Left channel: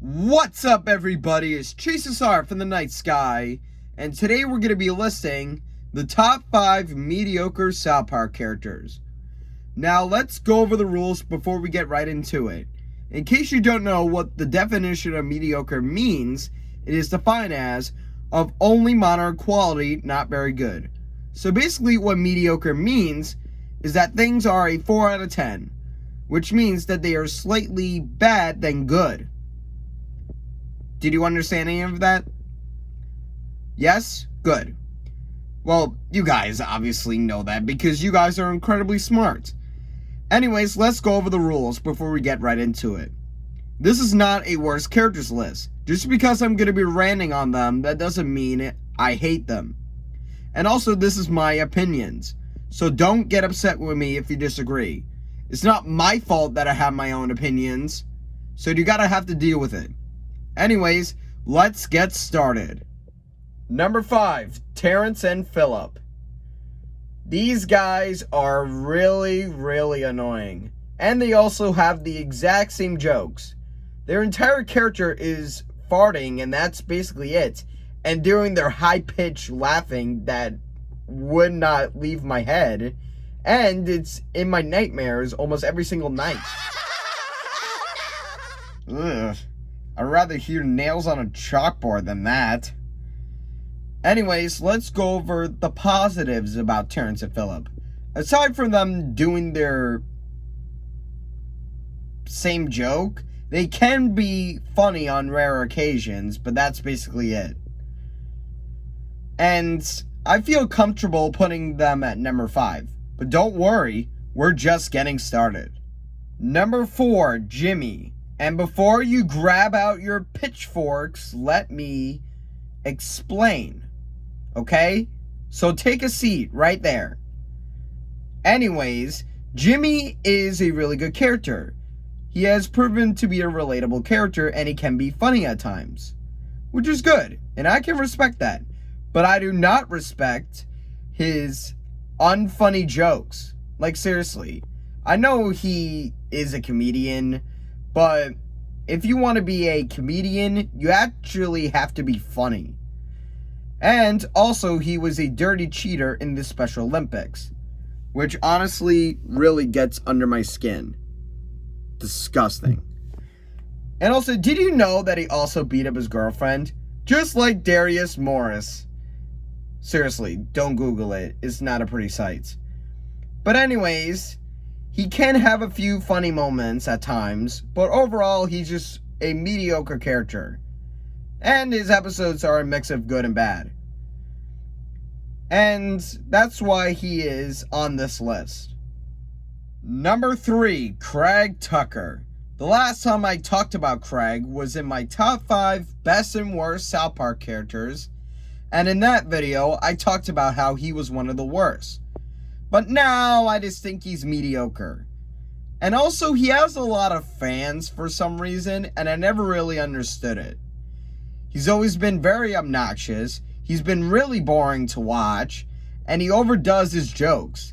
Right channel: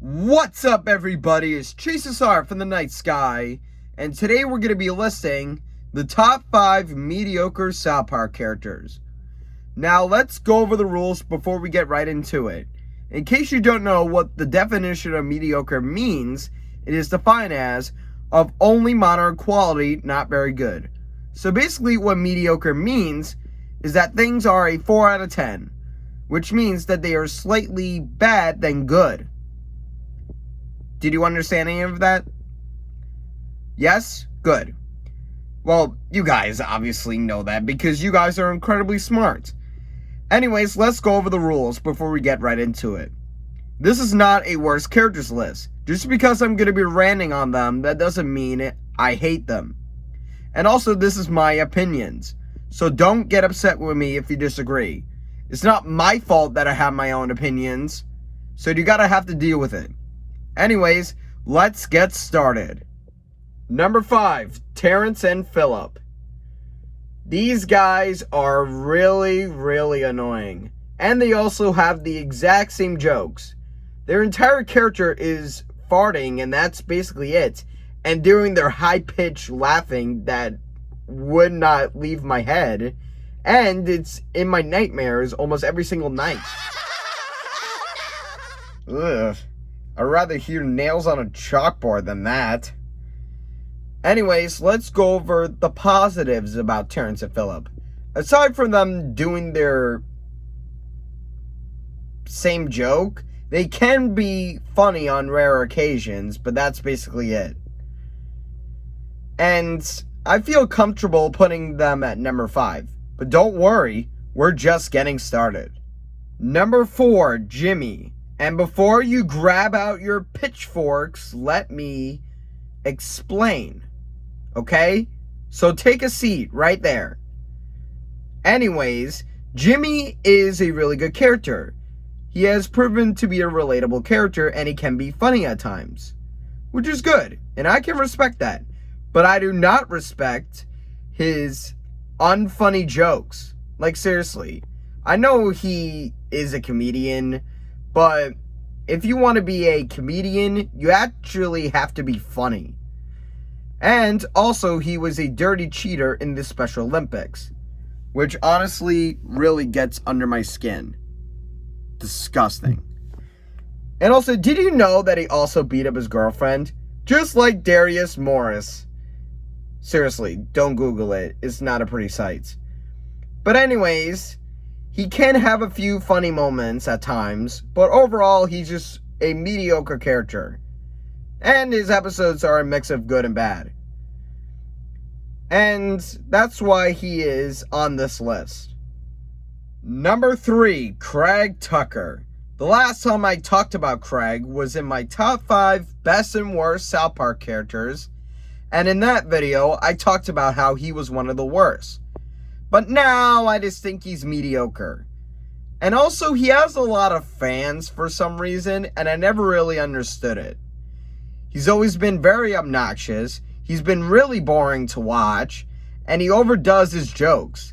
What's up, everybody? It's ChaseSR from the night sky, and today we're going to be listing the top 5 mediocre South Park characters. Now, let's go over the rules before we get right into it. In case you don't know what the definition of mediocre means, it is defined as of only moderate quality, not very good. So basically what mediocre means is that things are a 4 out of 10, which means that they are slightly bad than good. Did you understand any of that? Yes? Good. Well, you guys obviously know that because you guys are incredibly smart. Anyways, let's go over the rules before we get right into it. This is not a worst characters list. Just because I'm going to be ranting on them, that doesn't mean I hate them. And also, this is my opinions. So don't get upset with me if you disagree. It's not my fault that I have my own opinions. So you gotta have to deal with it. Anyways, let's get started. Number 5, Terrance and Phillip. These guys are really annoying. And they also have the exact same jokes. Their entire character is farting, and that's basically it. And doing their high-pitched laughing that would not leave my head. And it's in my nightmares almost every single night. Ugh. I'd rather hear nails on a chalkboard than that. Anyways, let's go over the positives about Terrance and Phillip. Aside from them doing their same joke, they can be funny on rare occasions, but that's basically it. And I feel comfortable putting them at number 5. But don't worry, we're just getting started. Number 4, Jimmy. And before you grab out your pitchforks, let me explain. Okay? So take a seat right there. Anyways, Jimmy is a really good character. He has proven to be a relatable character, and he can be funny at times. Which is good, and I can respect that. But I do not respect his unfunny jokes. Like, seriously. I know he is a comedian, but if you want to be a comedian, you actually have to be funny. And also, he was a dirty cheater in the Special Olympics, which honestly really gets under my skin. Disgusting. And also, did you know that he also beat up his girlfriend? Just like Darius Morris. Seriously, don't Google it. It's not a pretty sight. But anyways, he can have a few funny moments at times, but overall, he's just a mediocre character. And his episodes are a mix of good and bad. And that's why he is on this list. Number 3, Craig Tucker. The last time I talked about Craig was in my top 5 best and worst South Park characters. And in that video, I talked about how he was one of the worst. But now, I just think he's mediocre. And also, he has a lot of fans for some reason, and I never really understood it. He's always been very obnoxious, he's been really boring to watch, and he overdoes his jokes.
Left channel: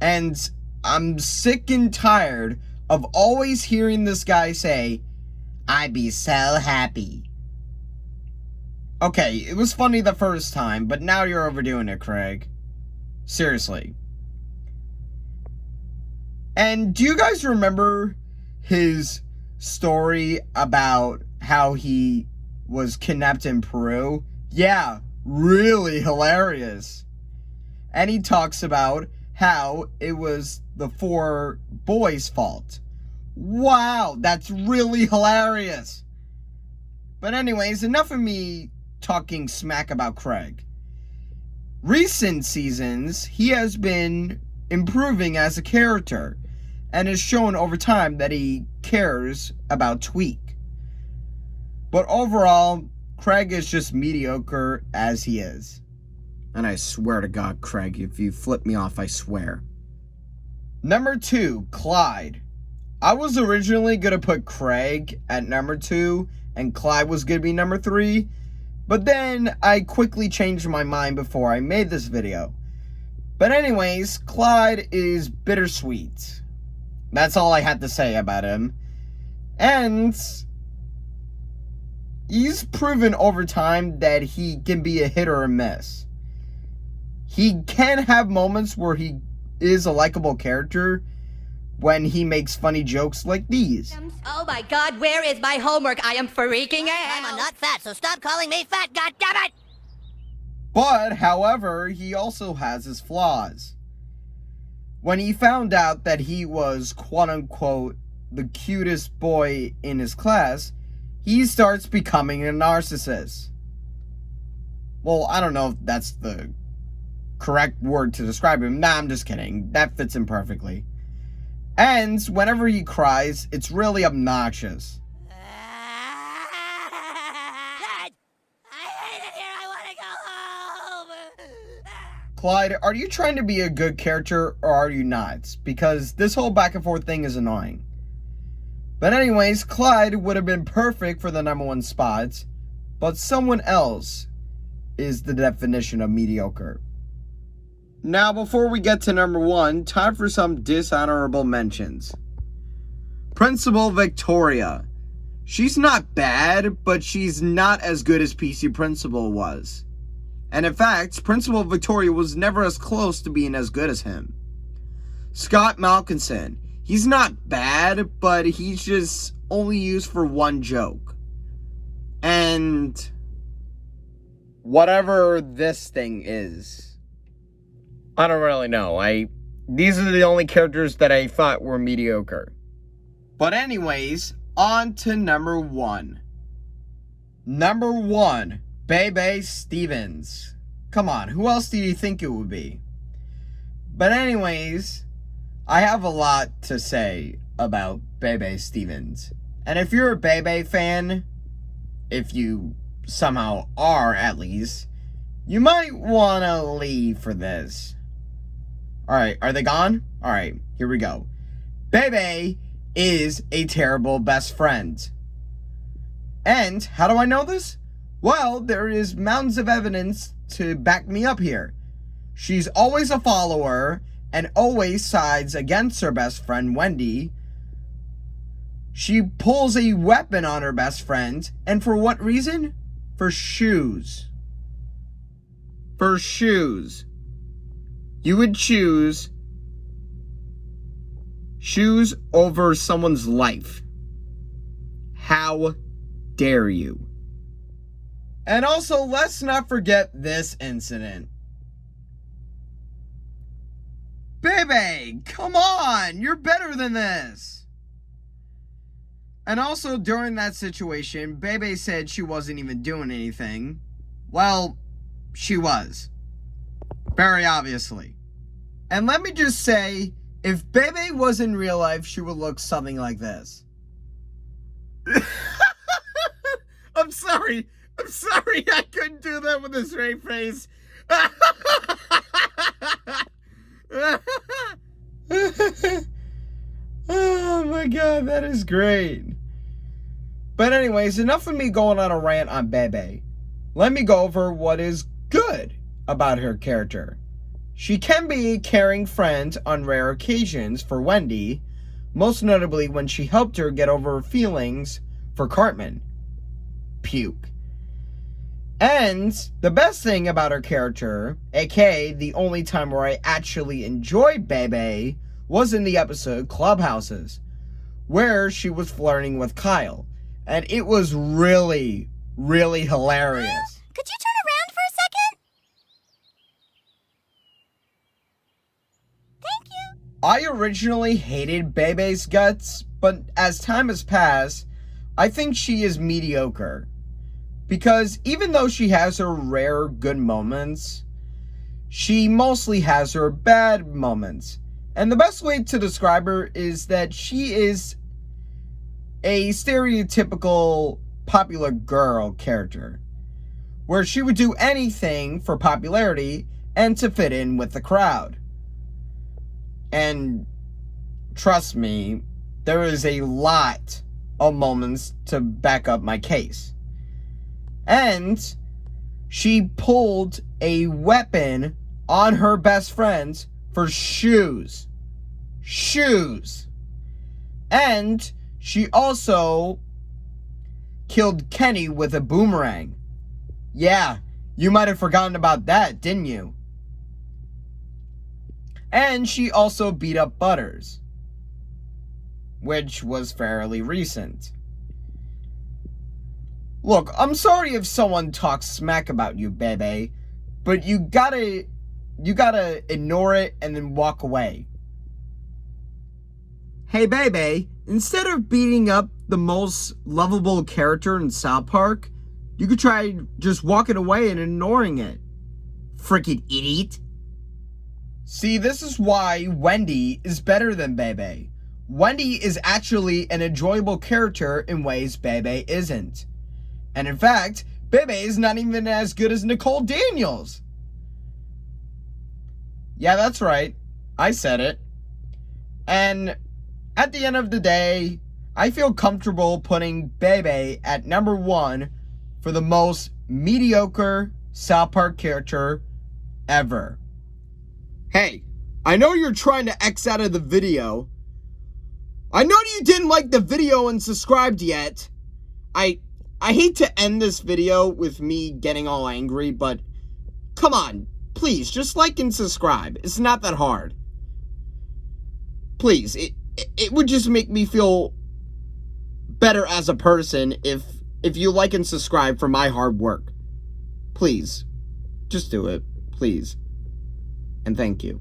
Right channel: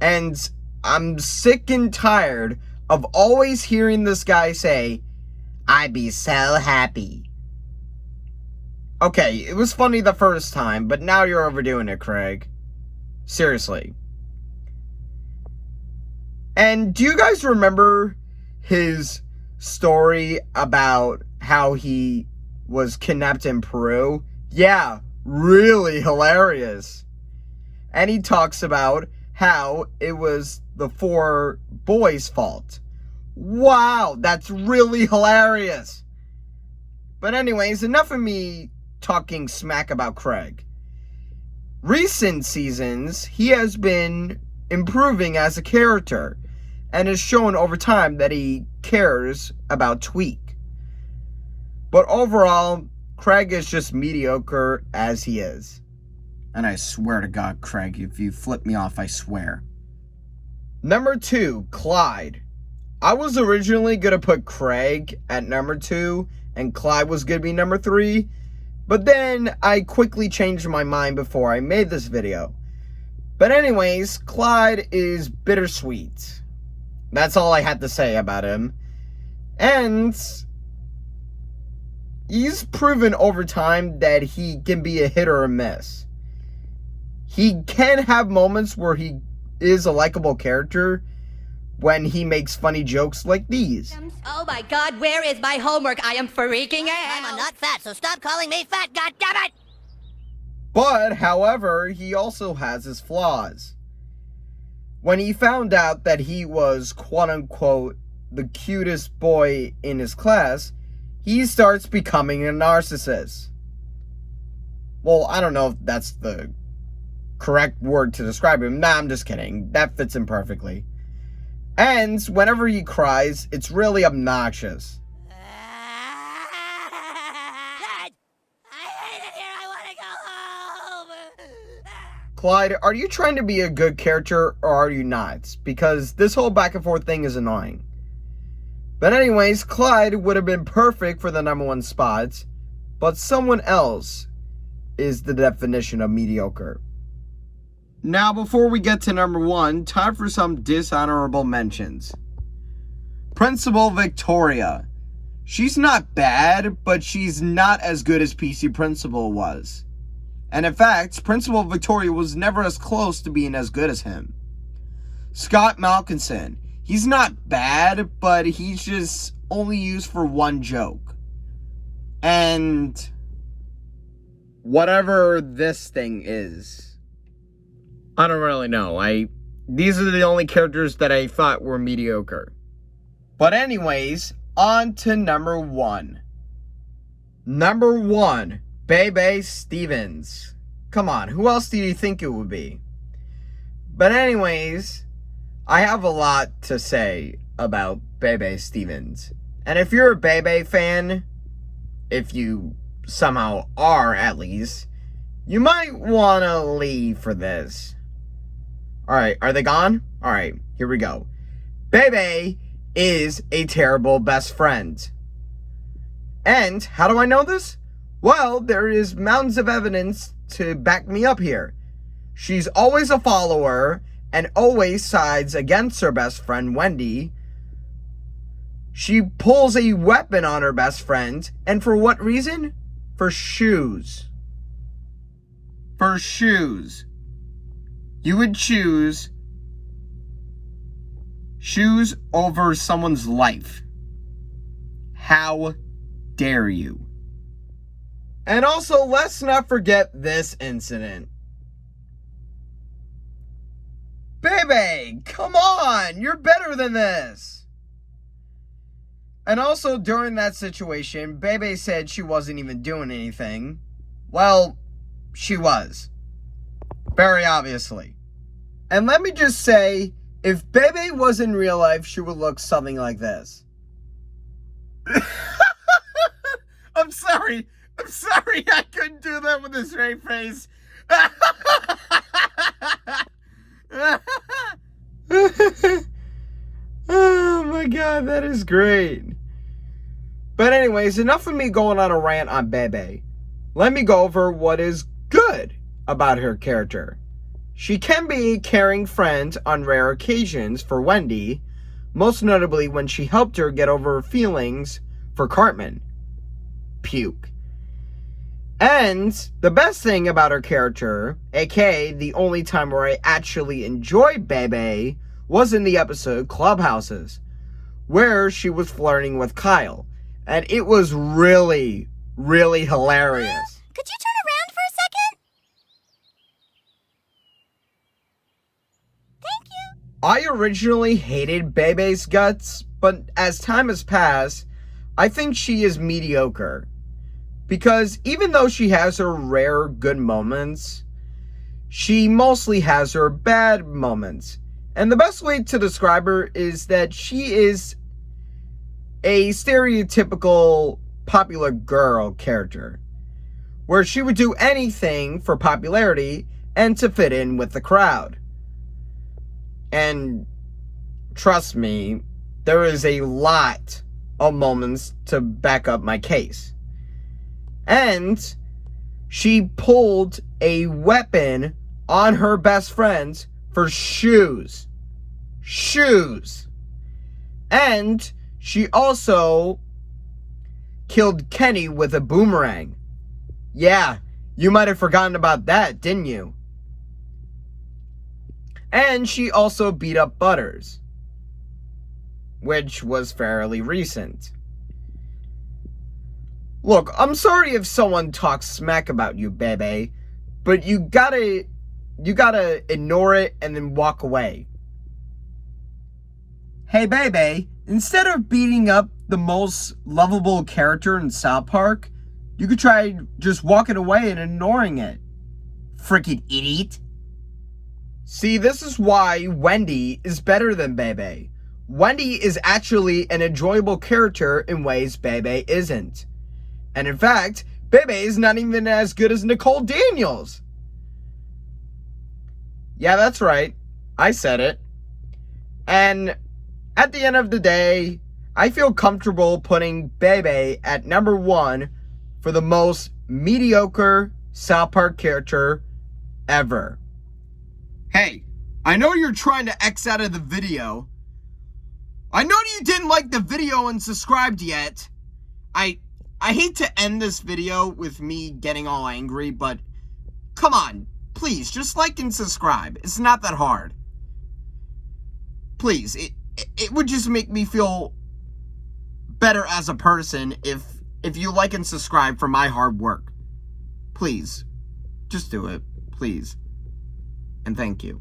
And I'm sick and tired of always hearing this guy say, "I'd be so happy." Okay, it was funny the first time, but now you're overdoing it, Craig. Seriously. And do you guys remember his story about how he was kidnapped in Peru? Yeah, really hilarious. And he talks about how it was the 4 boys' fault. Wow, that's really hilarious. But anyways, enough of me talking smack about Craig. Recent seasons, he has been improving as a character and has shown over time that he cares about Tweak. But overall, Craig is just mediocre as he is. And I swear to God, Craig, if you flip me off, I swear. Number 2, Clyde. I was originally going to put Craig at number 2 and Clyde was going to be number 3. But then I quickly changed my mind before I made this video. But anyways, Clyde is bittersweet. That's all I had to say about him. And he's proven over time that he can be a hit or a miss. He can have moments where he is a likable character when he makes funny jokes like these. Oh my God, where is my homework? I am freaking out. I'm not fat, so stop calling me fat, goddammit! But, however, he also has his flaws. When he found out that he was, quote-unquote, the cutest boy in his class, he starts becoming a narcissist. Well, I don't know if that's the correct word to describe him. Nah, I'm just kidding. That fits him perfectly. And whenever he cries, it's really obnoxious. Dad! I hate it here, I want to go home! Clyde, are you trying to be a good character or are you not? Because this whole back and forth thing is annoying. But anyways, Clyde would have been perfect for the #1 spot, but someone else is the definition of mediocre. Now, before we get to #1, time for some dishonorable mentions. Principal Victoria. She's not bad, but she's not as good as PC Principal was. And in fact, Principal Victoria was never as close to being as good as him. Scott Malkinson. He's not bad, but he's just only used for one joke. And whatever this thing is, I don't really know. These are the only characters that I thought were mediocre. But anyways, on to #1. #1, Bebe Stevens. Come on, who else do you think it would be? But anyways, I have a lot to say about Bebe Stevens. And if you're a Bebe fan, if you somehow are at least, you might want to leave for this. Alright, are they gone? Alright, here we go. Bebe is a terrible best friend. And how do I know this? Well, there is mountains of evidence to back me up here. She's always a follower and always sides against her best friend, Wendy. She pulls a weapon on her best friend, and for what reason? For shoes. For shoes. You would choose shoes over someone's life. How dare you? And also, let's not forget this incident. Bebe, come on! You're better than this! And also, during that situation, Bebe said she wasn't even doing anything. Well, she was. Very obviously. And let me just say, if Bebe was in real life, she would look something like this. I'm sorry, I couldn't do that with a straight face. Oh my god, that is great. But anyways, enough of me going on a rant on Bebe. Let me go over what is good about her character. She can be a caring friend on rare occasions for Wendy, most notably when she helped her get over her feelings for Cartman. Puke. And the best thing about her character, aka the only time where I actually enjoyed Bebe, was in the episode Clubhouses, where she was flirting with Kyle. And it was really, really hilarious. Could you turn around for a second? Thank you. I originally hated Bebe's guts, but as time has passed, I think she is mediocre. Because even though she has her rare good moments, she mostly has her bad moments. And the best way to describe her is that she is a stereotypical popular girl character, where she would do anything for popularity and to fit in with the crowd. And trust me, there is a lot of moments to back up my case. And she pulled a weapon on her best friends for shoes. Shoes. And she also killed Kenny with a boomerang. Yeah, you might have forgotten about that, didn't you? And she also beat up Butters, which was fairly recent. Look, I'm sorry if someone talks smack about you, Bebe, but you gotta ignore it and then walk away. Hey, Bebe, instead of beating up the most lovable character in South Park, you could try just walking away and ignoring it. Frickin' idiot. See, this is why Wendy is better than Bebe. Wendy is actually an enjoyable character in ways Bebe isn't. And in fact, Bebe is not even as good as Nicole Daniels. Yeah, that's right. I said it. And at the end of the day, I feel comfortable putting Bebe at number 1 for the most mediocre South Park character ever. Hey, I know you're trying to X out of the video. I know you didn't like the video and subscribed yet. I hate to end this video with me getting all angry, but come on, please, just like and subscribe. It's not that hard. Please, it would just make me feel better as a person if you like and subscribe for my hard work. Please, just do it, please. And thank you.